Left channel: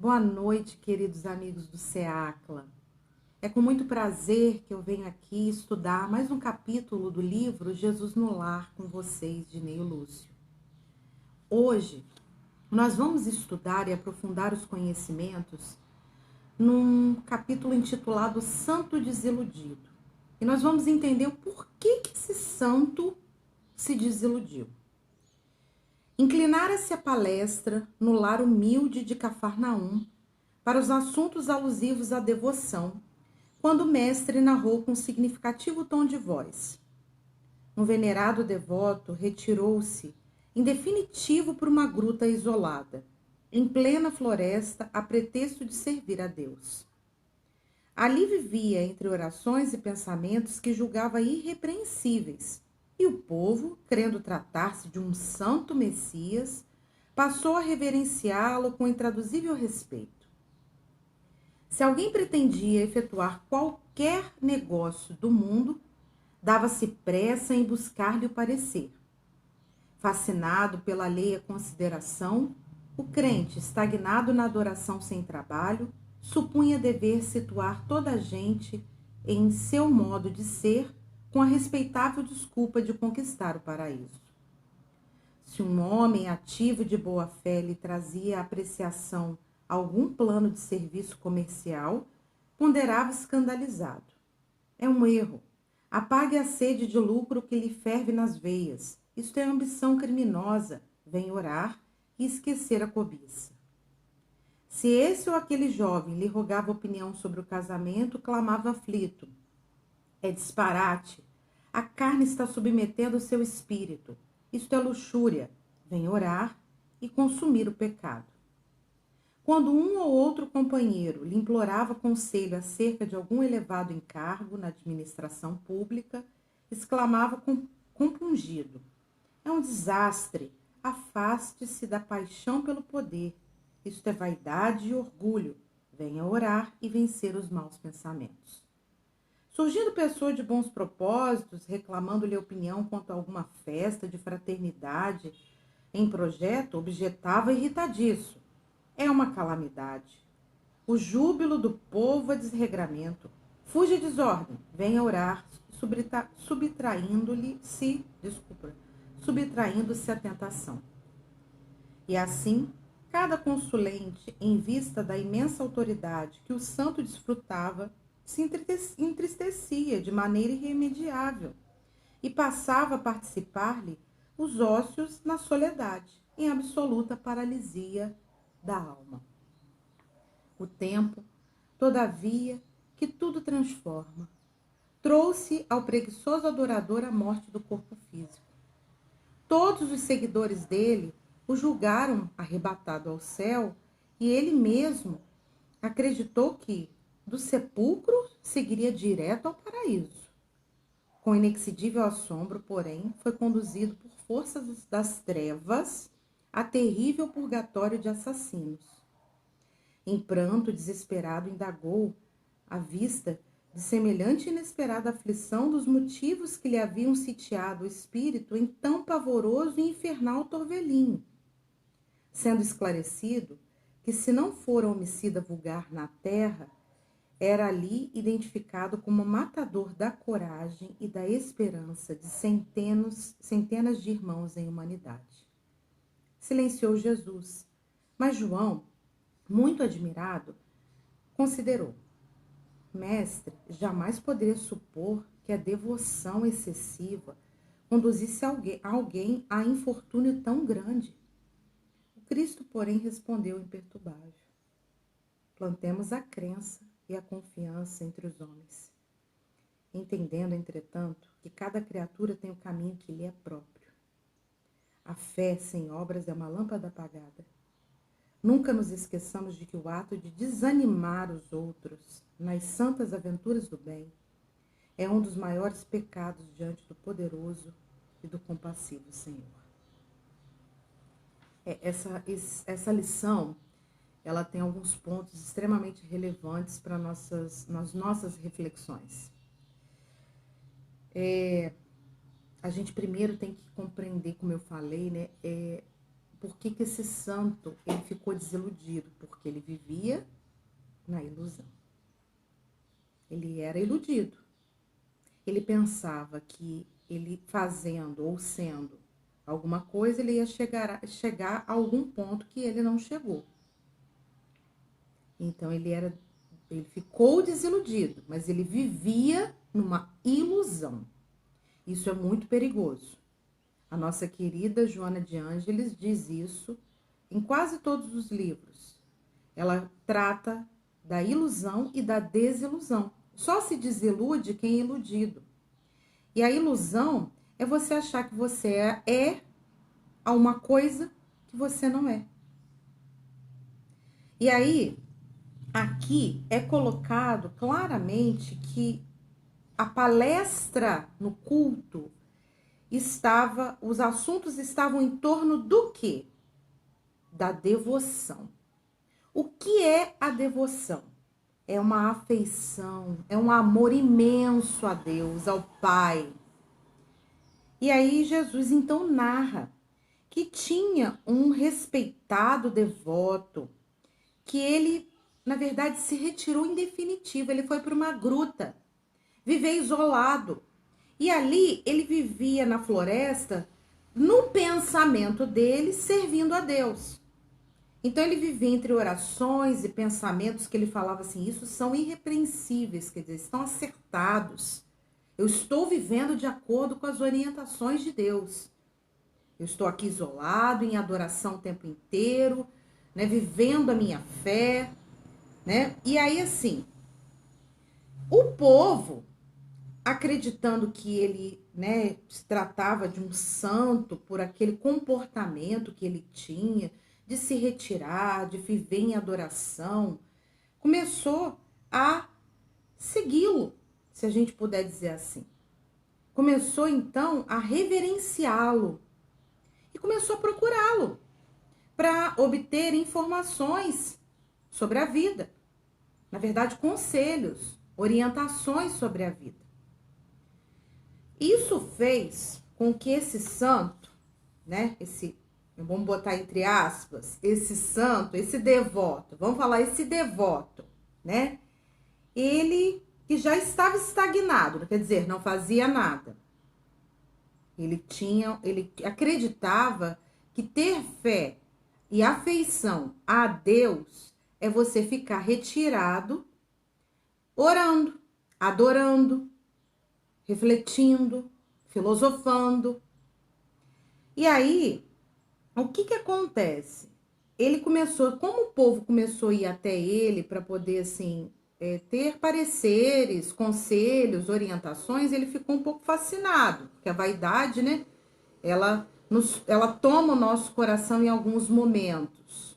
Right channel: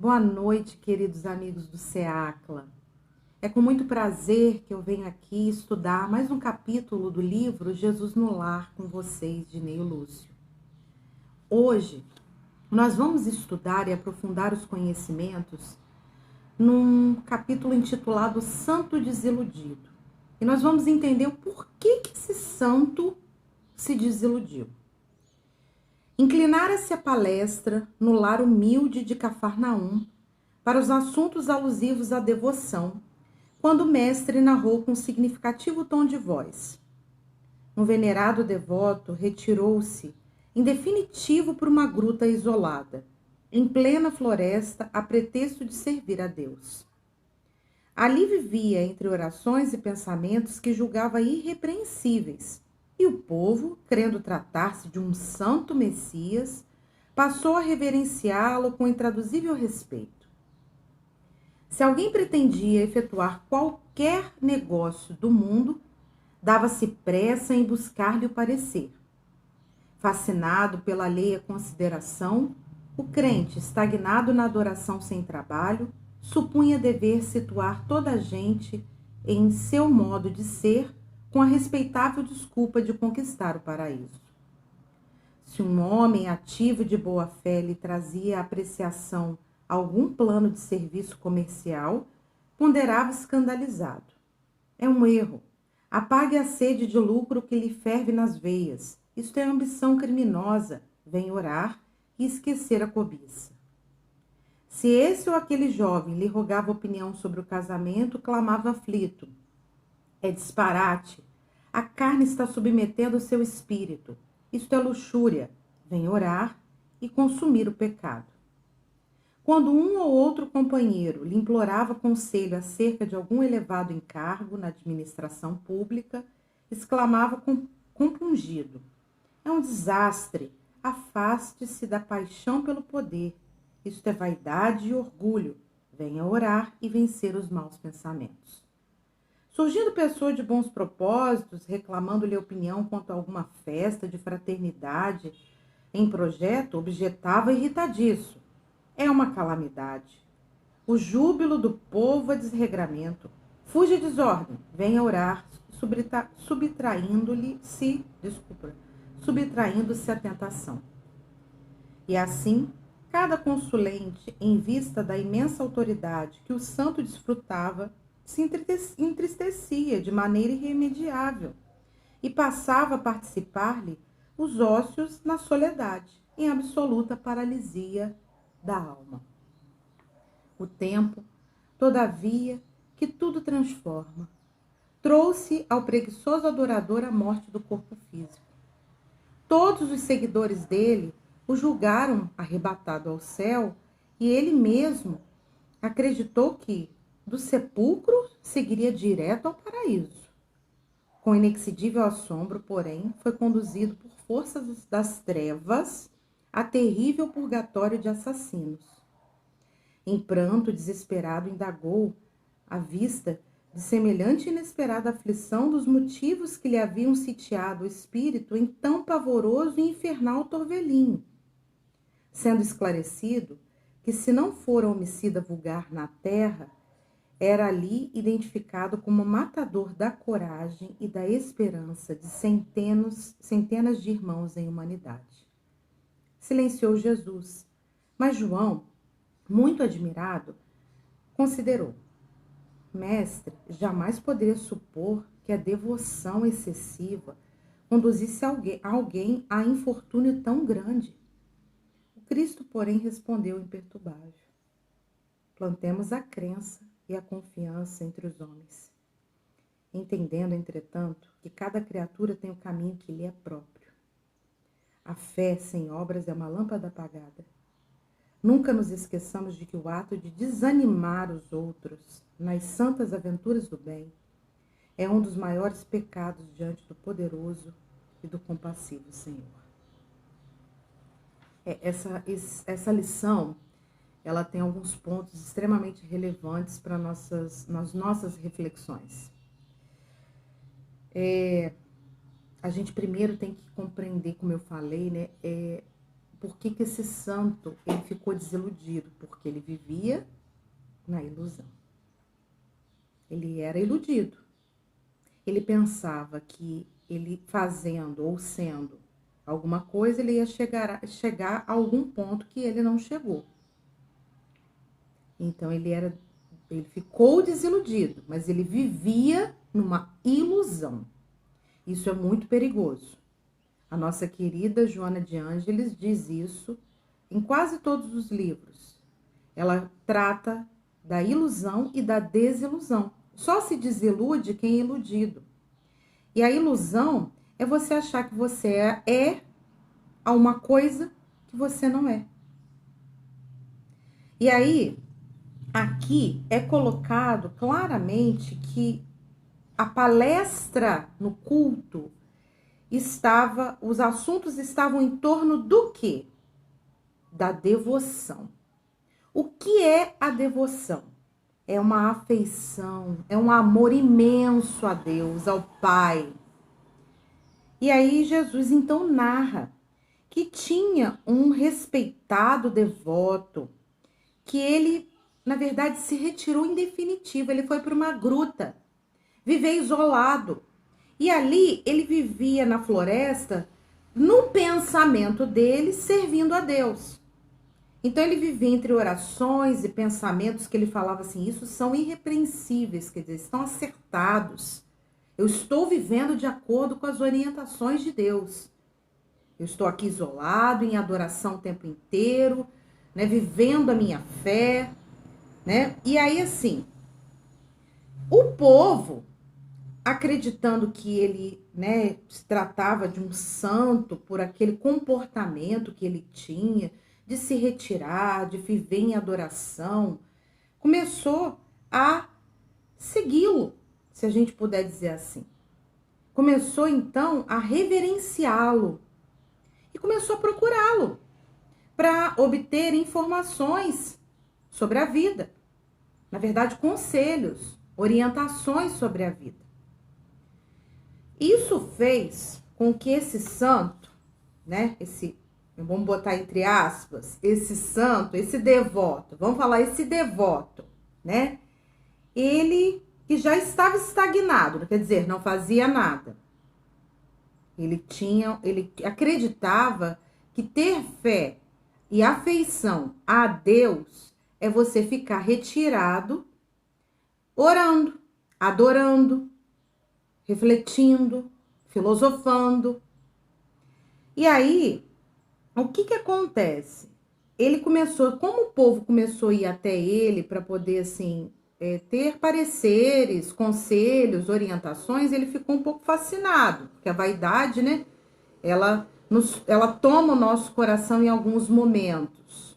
Boa noite, queridos amigos do SEACLA. É com muito prazer que eu venho aqui estudar mais um capítulo do livro Jesus no Lar com vocês, de Neio Lúcio. Hoje, nós vamos estudar e aprofundar os conhecimentos num capítulo intitulado Santo Desiludido. E nós vamos entender o porquê que esse santo se desiludiu. Inclinara-se a palestra no lar humilde de Cafarnaum para os assuntos alusivos à devoção, quando o mestre narrou com significativo tom de voz. Um venerado devoto retirou-se, em definitivo, por uma gruta isolada, em plena floresta, a pretexto de servir a Deus. Ali vivia, entre orações e pensamentos que julgava irrepreensíveis, e o povo, crendo tratar-se de um santo Messias, passou a reverenciá-lo com intraduzível respeito. Se alguém pretendia efetuar qualquer negócio do mundo, dava-se pressa em buscar-lhe o parecer. Fascinado pela alheia consideração, o crente, estagnado na adoração sem trabalho, supunha dever situar toda a gente em seu modo de ser, com a respeitável desculpa de conquistar o paraíso. Se um homem ativo de boa fé lhe trazia a apreciação algum plano de serviço comercial, ponderava escandalizado. É um erro. Apague a sede de lucro que lhe ferve nas veias. Isto é ambição criminosa. Vem orar e esquecer a cobiça. Se esse ou aquele jovem lhe rogava opinião sobre o casamento, clamava aflito. É disparate. A carne está submetendo o seu espírito. Isto é luxúria. Vem orar e consumir o pecado. Quando um ou outro companheiro lhe implorava conselho acerca de algum elevado encargo na administração pública, exclamava compungido: é um desastre, afaste-se da paixão pelo poder. Isto é vaidade e orgulho. Venha orar e vencer os maus pensamentos. Surgindo pessoa de bons propósitos, reclamando-lhe opinião quanto a alguma festa de fraternidade em projeto, objetava irritadiço: é uma calamidade. O júbilo do povo é desregramento. Fuja a desordem, venha orar, subtraindo-se à tentação. E assim, cada consulente, em vista da imensa autoridade que o santo desfrutava, se entristecia de maneira irremediável e passava a participar-lhe os ócios na soledade, em absoluta paralisia da alma. O tempo, todavia, que tudo transforma, trouxe ao preguiçoso adorador a morte do corpo físico. Todos os seguidores dele o julgaram arrebatado ao céu e ele mesmo acreditou que do sepulcro seguiria direto ao paraíso. Com inexcedível assombro, porém, foi conduzido por forças das trevas a terrível purgatório de assassinos. Em pranto desesperado, indagou, à vista de semelhante e inesperada aflição, dos motivos que lhe haviam sitiado o espírito em tão pavoroso e infernal torvelinho. Sendo esclarecido que, se não fora homicida vulgar na terra, era ali identificado como matador da coragem e da esperança de centenas de irmãos em humanidade. Silenciou Jesus, mas João, muito admirado, considerou: mestre, jamais poderia supor que a devoção excessiva conduzisse alguém a infortúnio tão grande. O Cristo, porém, respondeu imperturbável: plantemos a crença e a confiança entre os homens, entendendo, entretanto, que cada criatura tem o caminho que lhe é próprio. A fé sem obras é uma lâmpada apagada. Nunca nos esqueçamos de que o ato de desanimar os outros nas santas aventuras do bem é um dos maiores pecados diante do poderoso e do compassivo Senhor. Essa lição, ela tem alguns pontos extremamente relevantes para nas nossas reflexões. A gente primeiro tem que compreender, como eu falei, né, por que esse santo ele ficou desiludido? Porque ele vivia na ilusão. Ele era iludido. Ele pensava que ele fazendo ou sendo alguma coisa, ele ia chegar a algum ponto que ele não chegou. Então ele ficou desiludido, mas ele vivia numa ilusão. Isso é muito perigoso. A nossa querida Joana de Ângeles diz isso em quase todos os livros. Ela trata da ilusão e da desilusão. Só se desilude quem é iludido. E a ilusão é você achar que você é uma coisa que você não é. E aí, aqui é colocado claramente que a palestra no culto os assuntos estavam em torno do quê? Da devoção. O que é a devoção? É uma afeição, é um amor imenso a Deus, ao Pai. E aí Jesus então narra que tinha um respeitado devoto, que ele, na verdade, se retirou em definitivo, ele foi para uma gruta, viver isolado. E ali ele vivia na floresta, no pensamento dele, servindo a Deus. Então ele vivia entre orações e pensamentos que ele falava assim, isso são irrepreensíveis, quer dizer, estão acertados. Eu estou vivendo de acordo com as orientações de Deus. Eu estou aqui isolado, em adoração o tempo inteiro, né, vivendo a minha fé, né? E aí assim, o povo, acreditando que ele, né, se tratava de um santo por aquele comportamento que ele tinha, de se retirar, de viver em adoração, começou a segui-lo, se a gente puder dizer assim. Começou então a reverenciá-lo e começou a procurá-lo para obter informações sobre a vida. Na verdade, conselhos, orientações sobre a vida. Isso fez com que esse santo, né, vamos botar entre aspas, esse santo, esse devoto, vamos falar esse devoto, né, ele que já estava estagnado, quer dizer, não fazia nada. Ele acreditava que ter fé e afeição a Deus é você ficar retirado, orando, adorando, refletindo, filosofando. E aí, o que acontece? Ele começou, como o povo começou a ir até ele para poder, assim, ter pareceres, conselhos, orientações, ele ficou um pouco fascinado, porque a vaidade, né, ela toma o nosso coração em alguns momentos.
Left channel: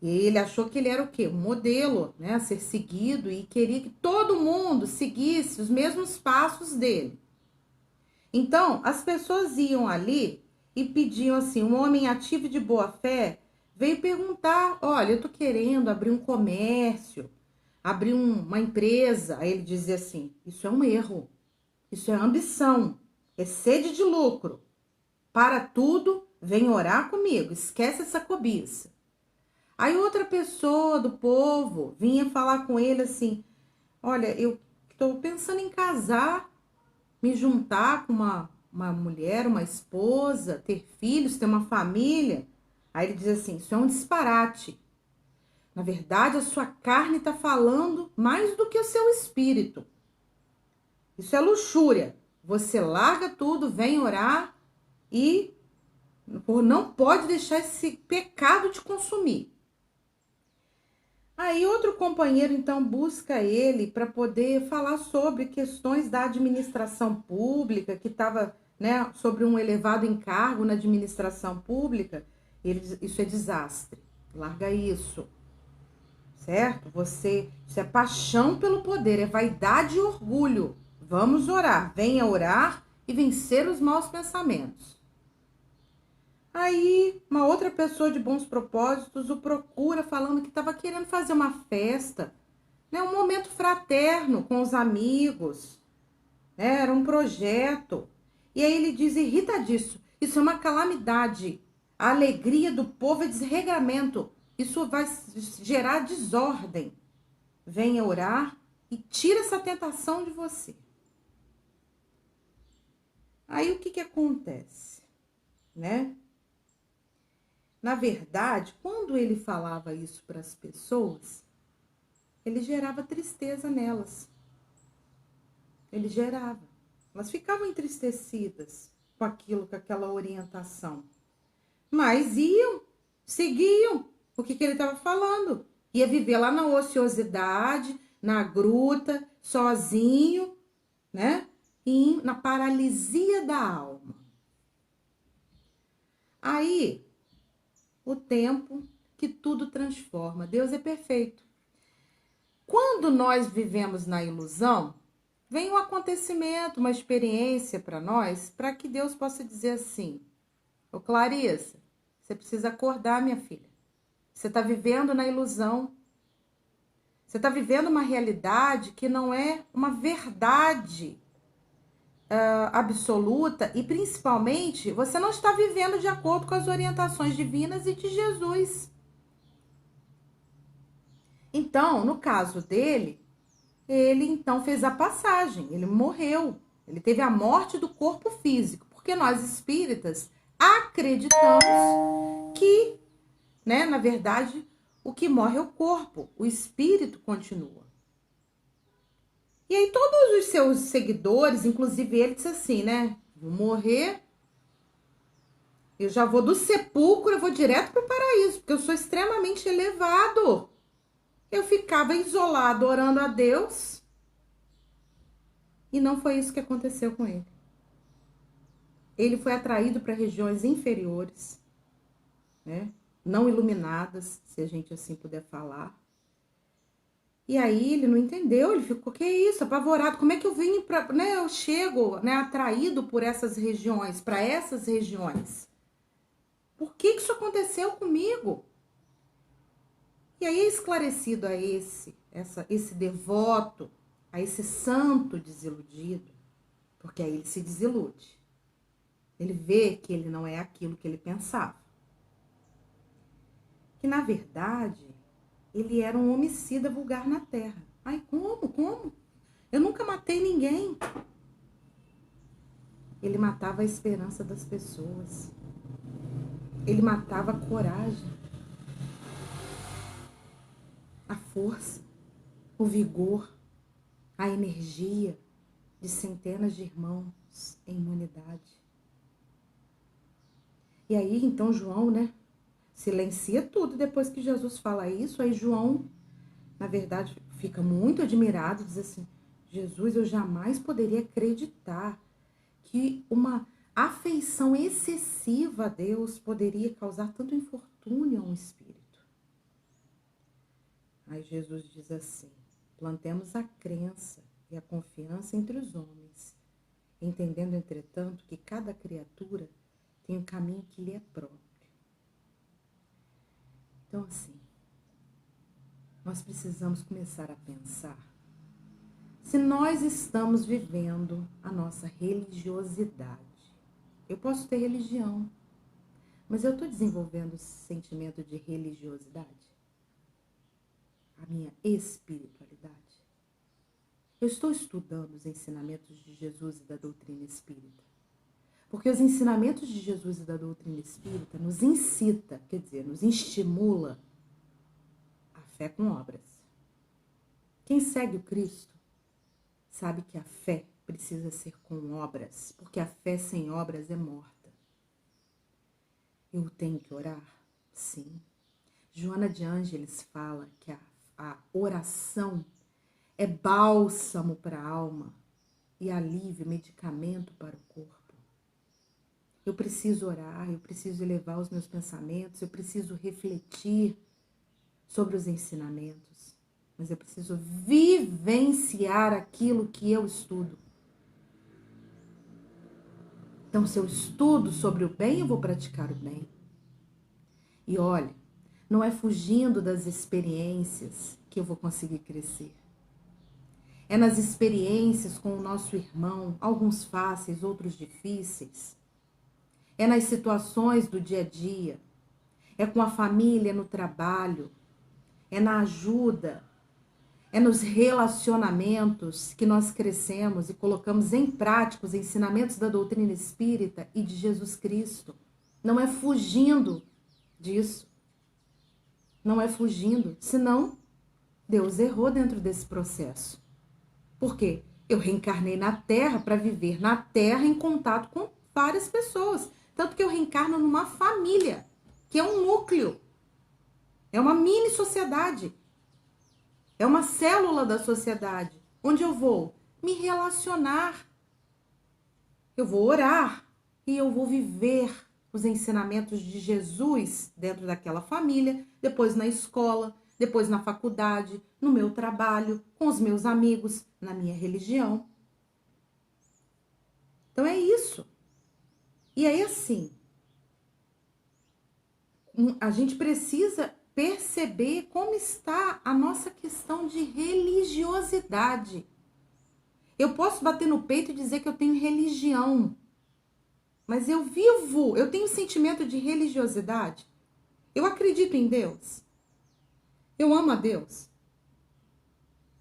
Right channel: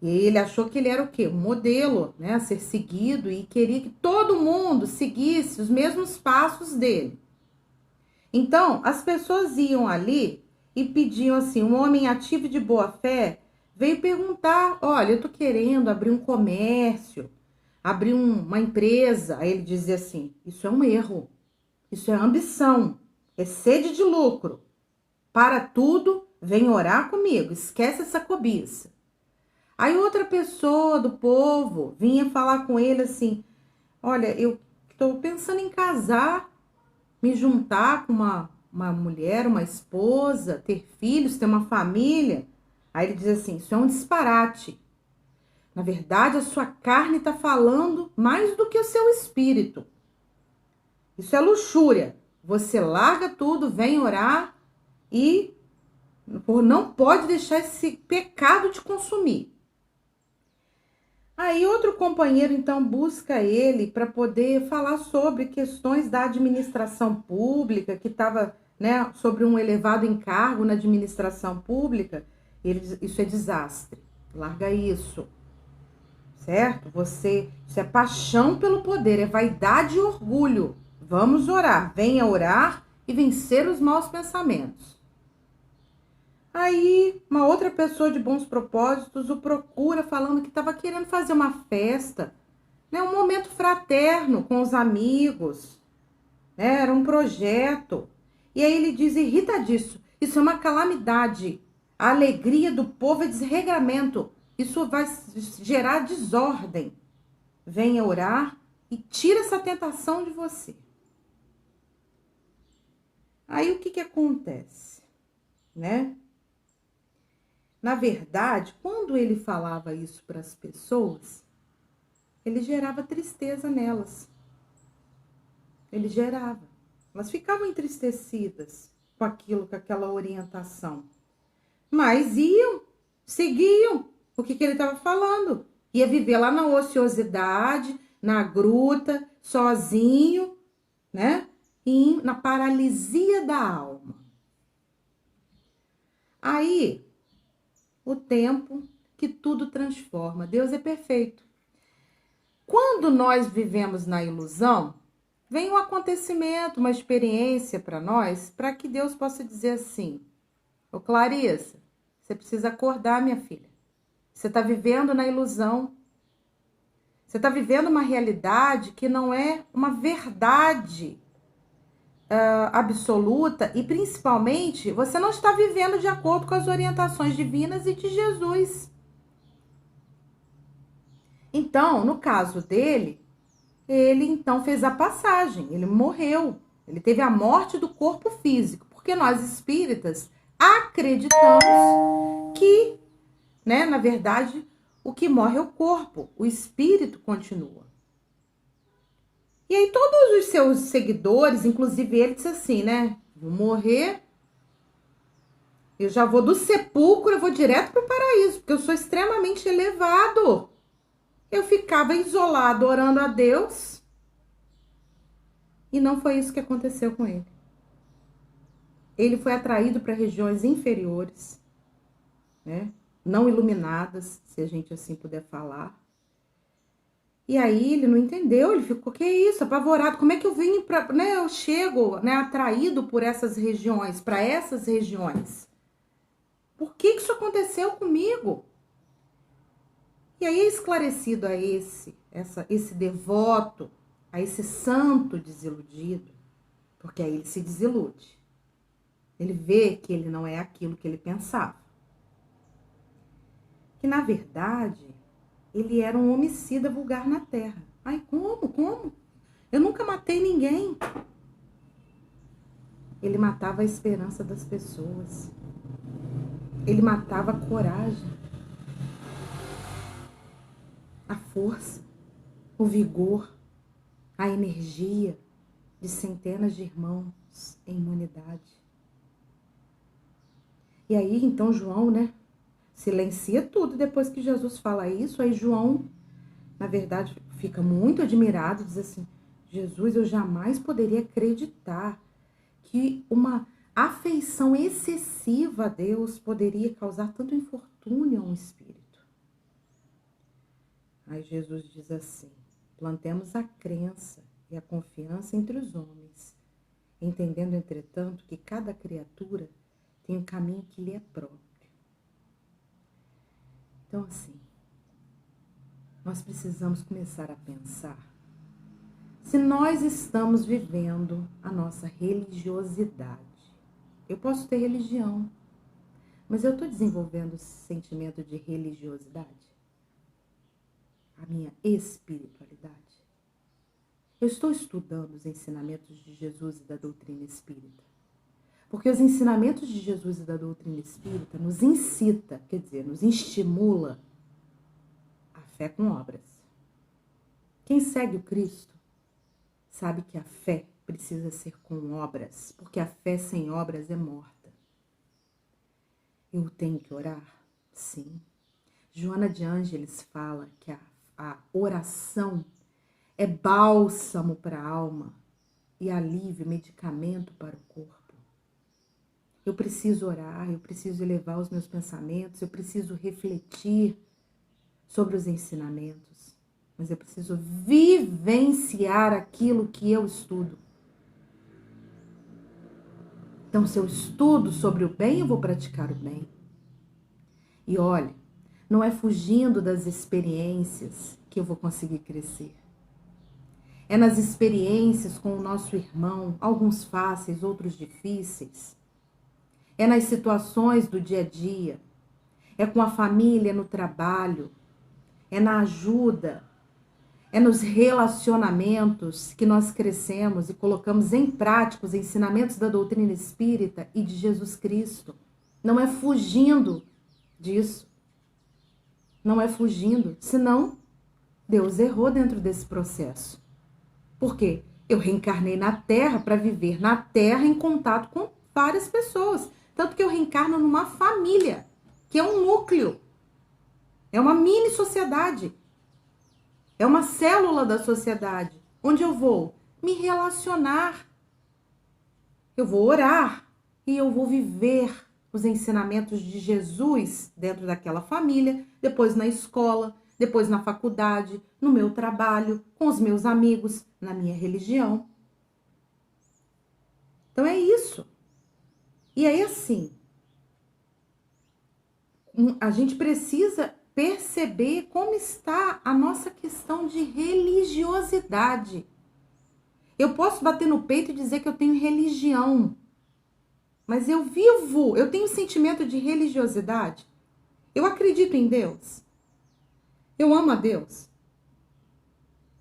E ele achou que ele era o quê? Um modelo, né, a ser seguido, e queria que todo mundo seguisse os mesmos passos dele. Então, as pessoas iam ali e pediam assim, um homem ativo de boa fé veio perguntar, olha, eu tô querendo abrir um comércio, abrir uma empresa. Aí ele dizia assim, isso é um erro, isso é ambição, é sede de lucro. Para tudo, vem orar comigo, esquece essa cobiça. Aí outra pessoa do povo vinha falar com ele assim, olha, eu estou pensando em casar, me juntar com uma mulher, uma esposa, ter filhos, ter uma família. Aí ele diz assim, isso é um disparate. Na verdade, a sua carne está falando mais do que o seu espírito. Isso é luxúria. Você larga tudo, vem orar e não pode deixar esse pecado te consumir. Aí outro companheiro então busca ele para poder falar sobre questões da administração pública, que estava, né, sobre um elevado encargo na administração pública. Ele diz, isso é desastre, larga isso, certo? Isso é paixão pelo poder, é vaidade e orgulho. Vamos orar, venha orar e vencer os maus pensamentos. Aí, uma outra pessoa de bons propósitos o procura falando que estava querendo fazer uma festa, né, um momento fraterno com os amigos, né, era um projeto. E aí ele diz, irritadíssimo, isso é uma calamidade. A alegria do povo é desregramento. Isso vai gerar desordem. Venha orar e tira essa tentação de você. Aí o que acontece, né? Na verdade, quando ele falava isso para as pessoas, ele gerava tristeza nelas. Ele gerava. Elas ficavam entristecidas com aquilo, com aquela orientação. Mas iam, seguiam o que ele estava falando. Ia viver lá na ociosidade, na gruta, sozinho, né? E na paralisia da alma. Aí, o tempo que tudo transforma. Deus é perfeito. Quando nós vivemos na ilusão, vem um acontecimento, uma experiência para nós, para que Deus possa dizer assim: ô Clarissa, você precisa acordar, minha filha. Você está vivendo na ilusão. Você está vivendo uma realidade que não é uma verdade absoluta e, principalmente, você não está vivendo de acordo com as orientações divinas e de Jesus. Então, no caso dele, ele então fez a passagem, ele morreu, ele teve a morte do corpo físico, porque nós espíritas acreditamos que, né, na verdade, o que morre é o corpo, o espírito continua. E aí todos os seus seguidores, inclusive ele, disse assim, né, vou morrer, eu já vou do sepulcro, eu vou direto para o paraíso, porque eu sou extremamente elevado. Eu ficava isolado orando a Deus e não foi isso que aconteceu com ele. Ele foi atraído para regiões inferiores, né? Não iluminadas, se a gente assim puder falar. E aí ele não entendeu, ele ficou, que isso, apavorado, como é que eu vim para, né, eu chego, né, atraído por essas regiões, para essas regiões? Por que isso aconteceu comigo? E aí é esclarecido a esse devoto, a esse santo desiludido, porque aí ele se desilude. Ele vê que ele não é aquilo que ele pensava. Que, na verdade, ele era um homicida vulgar na Terra. Ai, como? Eu nunca matei ninguém. Ele matava a esperança das pessoas. Ele matava a coragem, a força, o vigor, a energia de centenas de irmãos em humanidade. E aí, então, João, né, silencia tudo. Depois que Jesus fala isso, aí João, na verdade, fica muito admirado, diz assim, Jesus, eu jamais poderia acreditar que uma afeição excessiva a Deus poderia causar tanto infortúnio a um espírito. Aí Jesus diz assim, plantemos a crença e a confiança entre os homens, entendendo, entretanto, que cada criatura tem um caminho que lhe é próprio. Então, assim, nós precisamos começar a pensar se nós estamos vivendo a nossa religiosidade. Eu posso ter religião, mas eu estou desenvolvendo esse sentimento de religiosidade? A minha espiritualidade? Eu estou estudando os ensinamentos de Jesus e da doutrina espírita? Porque os ensinamentos de Jesus e da doutrina espírita nos incita, quer dizer, nos estimula a fé com obras. Quem segue o Cristo sabe que a fé precisa ser com obras, porque a fé sem obras é morta. Eu tenho que orar? Sim. Joana de Ângeles fala que a oração é bálsamo para a alma e alívio, medicamento para o corpo. Eu preciso orar, eu preciso elevar os meus pensamentos, eu preciso refletir sobre os ensinamentos, mas eu preciso vivenciar aquilo que eu estudo. Então, se eu estudo sobre o bem, eu vou praticar o bem. E olha, não é fugindo das experiências que eu vou conseguir crescer. É nas experiências com o nosso irmão, alguns fáceis, outros difíceis, é nas situações do dia a dia, é com a família no trabalho, é na ajuda, é nos relacionamentos que nós crescemos e colocamos em prática os ensinamentos da doutrina espírita e de Jesus Cristo. Não é fugindo disso. Não é fugindo. Senão, Deus errou dentro desse processo. Por quê? Eu reencarnei na Terra para viver na Terra em contato com várias pessoas. Tanto que eu reencarno numa família, que é um núcleo. É uma mini sociedade. É uma célula da sociedade. Onde eu vou me relacionar. Eu vou orar e eu vou viver os ensinamentos de Jesus dentro daquela família, depois na escola, depois na faculdade, no meu trabalho, com os meus amigos, na minha religião. Então é isso. E aí assim, a gente precisa perceber como está a nossa questão de religiosidade. Eu posso bater no peito e dizer que eu tenho religião, mas eu tenho sentimento de religiosidade. Eu acredito em Deus. Eu amo a Deus.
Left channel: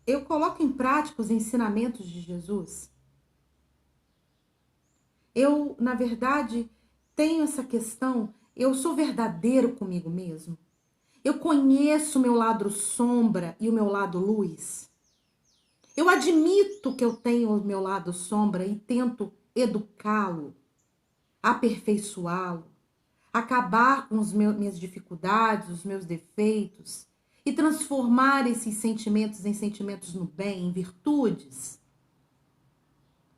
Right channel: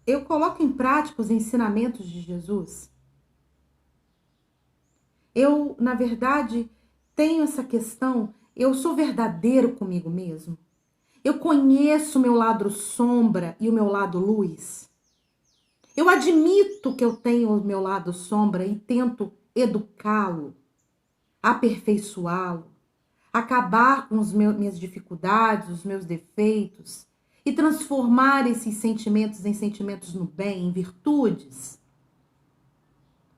Eu coloco em prática os ensinamentos de Jesus. Eu, na verdade, tenho essa questão, eu sou verdadeiro comigo mesmo. Eu conheço o meu lado sombra e o meu lado luz. Eu admito que eu tenho o meu lado sombra e tento educá-lo, aperfeiçoá-lo, acabar com minhas dificuldades, os meus defeitos e transformar esses sentimentos em sentimentos no bem, em virtudes.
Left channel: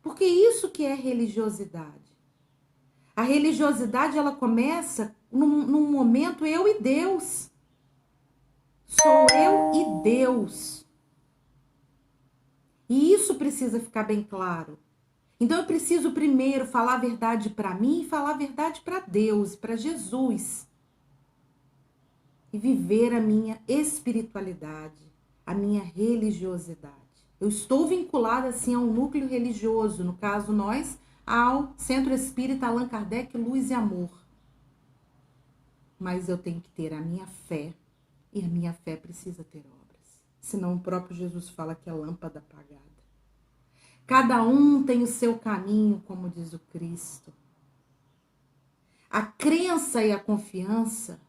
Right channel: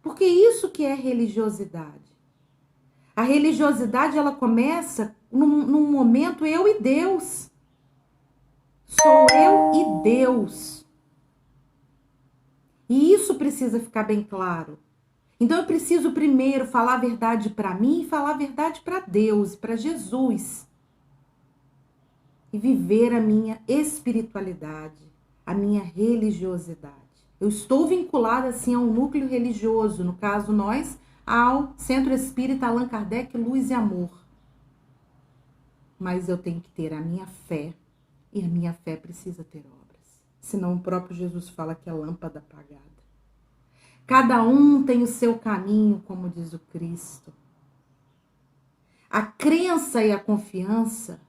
Porque isso que é religiosidade. A religiosidade, ela começa num momento eu e Deus. Sou eu e Deus. E isso precisa ficar bem claro. Então eu preciso primeiro falar a verdade para mim e falar a verdade para Deus, para Jesus. E viver a minha espiritualidade, a minha religiosidade. Eu estou vinculada assim a um núcleo religioso, no caso nós, ao Centro Espírita Allan Kardec Luz e Amor. Mas eu tenho que ter a minha fé, e a minha fé precisa ter obras. Senão o próprio Jesus fala que é lâmpada apagada. Cada um tem o seu caminho, como diz o Cristo. A crença e a confiança,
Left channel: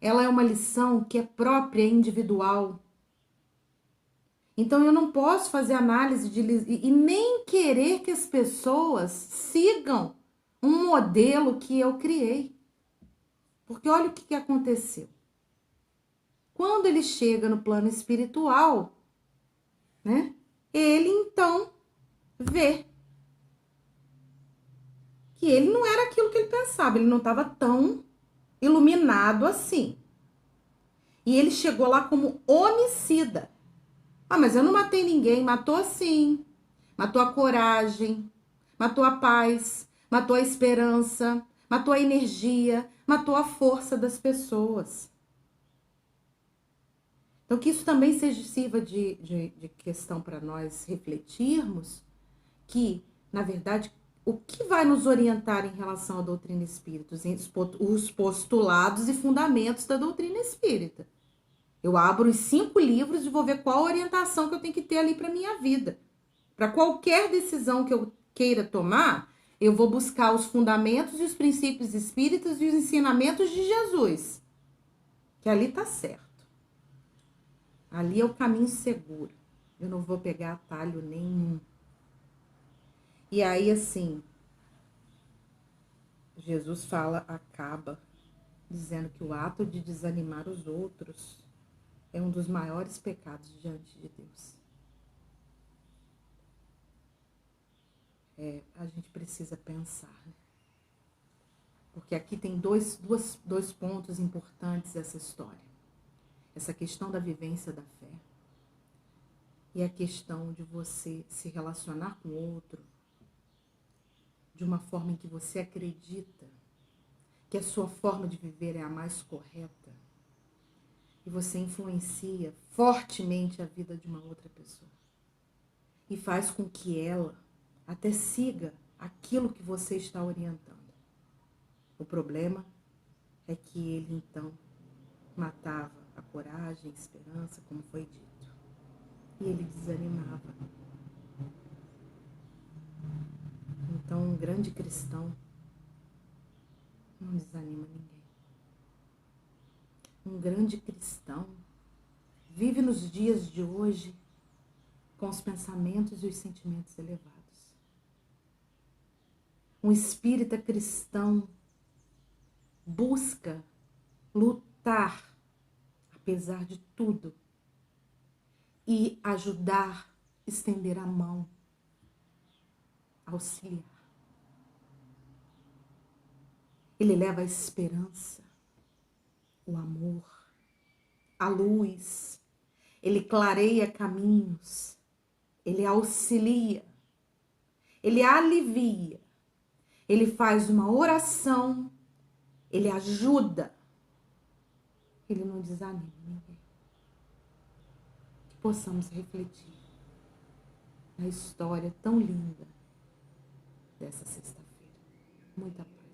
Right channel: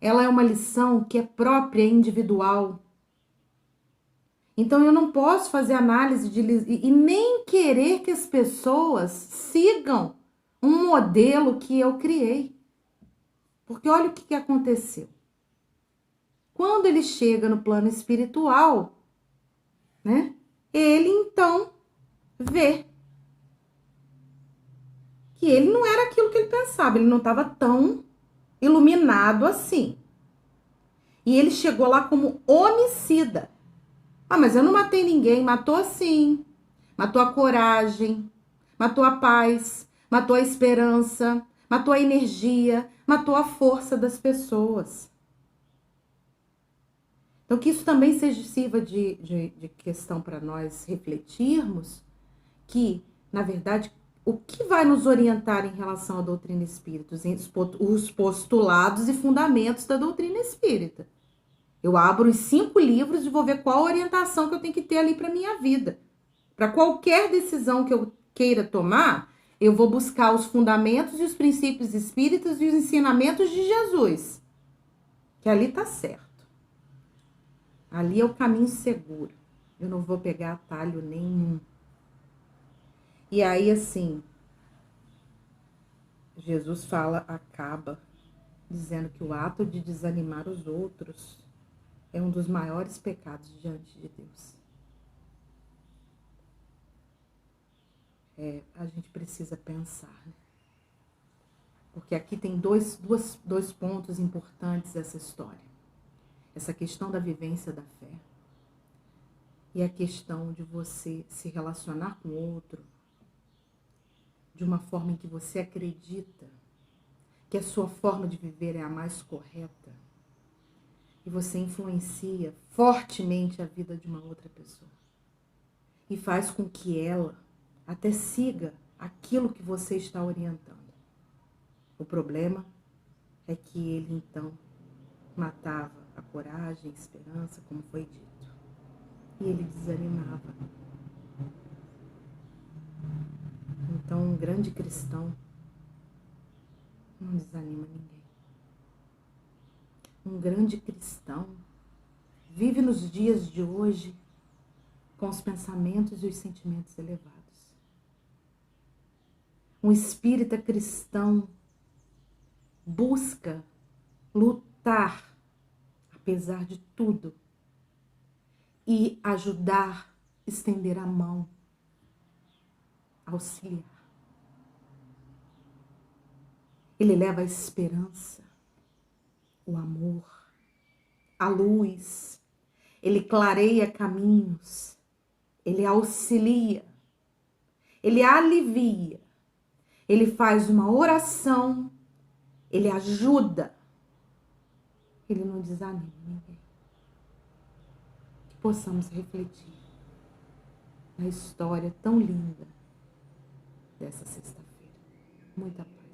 ela é uma lição que é própria e individual. Então eu não posso fazer análise e nem querer que as pessoas sigam um modelo que eu criei. Porque olha o que aconteceu. Quando ele chega no plano espiritual, né, ele então vê que ele não era aquilo que ele pensava, ele não estava tão iluminado assim. E ele chegou lá como homicida. Ah, mas eu não matei ninguém. Matou sim. Matou a coragem, matou a paz, matou a esperança, matou a energia, matou a força das pessoas. Então, que isso também seja sirva de questão para nós refletirmos que, na verdade, o que vai nos orientar em relação à doutrina espírita? Os postulados e fundamentos da doutrina espírita. Eu abro os 5 livros e vou ver qual a orientação que eu tenho que ter ali para a minha vida. Para qualquer decisão que eu queira tomar, eu vou buscar os fundamentos e os princípios espíritas e os ensinamentos de Jesus. Que ali está certo. Ali é o caminho seguro. Eu não vou pegar atalho nenhum. E aí, assim, Jesus acaba dizendo que o ato de desanimar os outros é um dos maiores pecados diante de Deus. A gente precisa pensar. Porque aqui tem dois pontos importantes dessa história. Essa questão da vivência da fé. E a questão de você se relacionar com o outro de uma forma em que você acredita que a sua forma de viver é a mais correta. E você influencia fortemente a vida de uma outra pessoa. E faz com que ela até siga aquilo que você está orientando. O problema é que ele, então, matava a coragem, a esperança, como foi dito. E ele desanimava. Então, um grande cristão não desanima ninguém. Um grande cristão vive nos dias de hoje com os pensamentos e os sentimentos elevados. Um espírita cristão busca lutar, apesar de tudo, e ajudar, estender a mão, auxiliar. Ele leva a esperança, o amor, a luz. Ele clareia caminhos, ele auxilia, ele alivia, ele faz uma oração, ele ajuda, ele não desanima ninguém. Que possamos refletir na história tão linda dessa sexta-feira. Muita paz.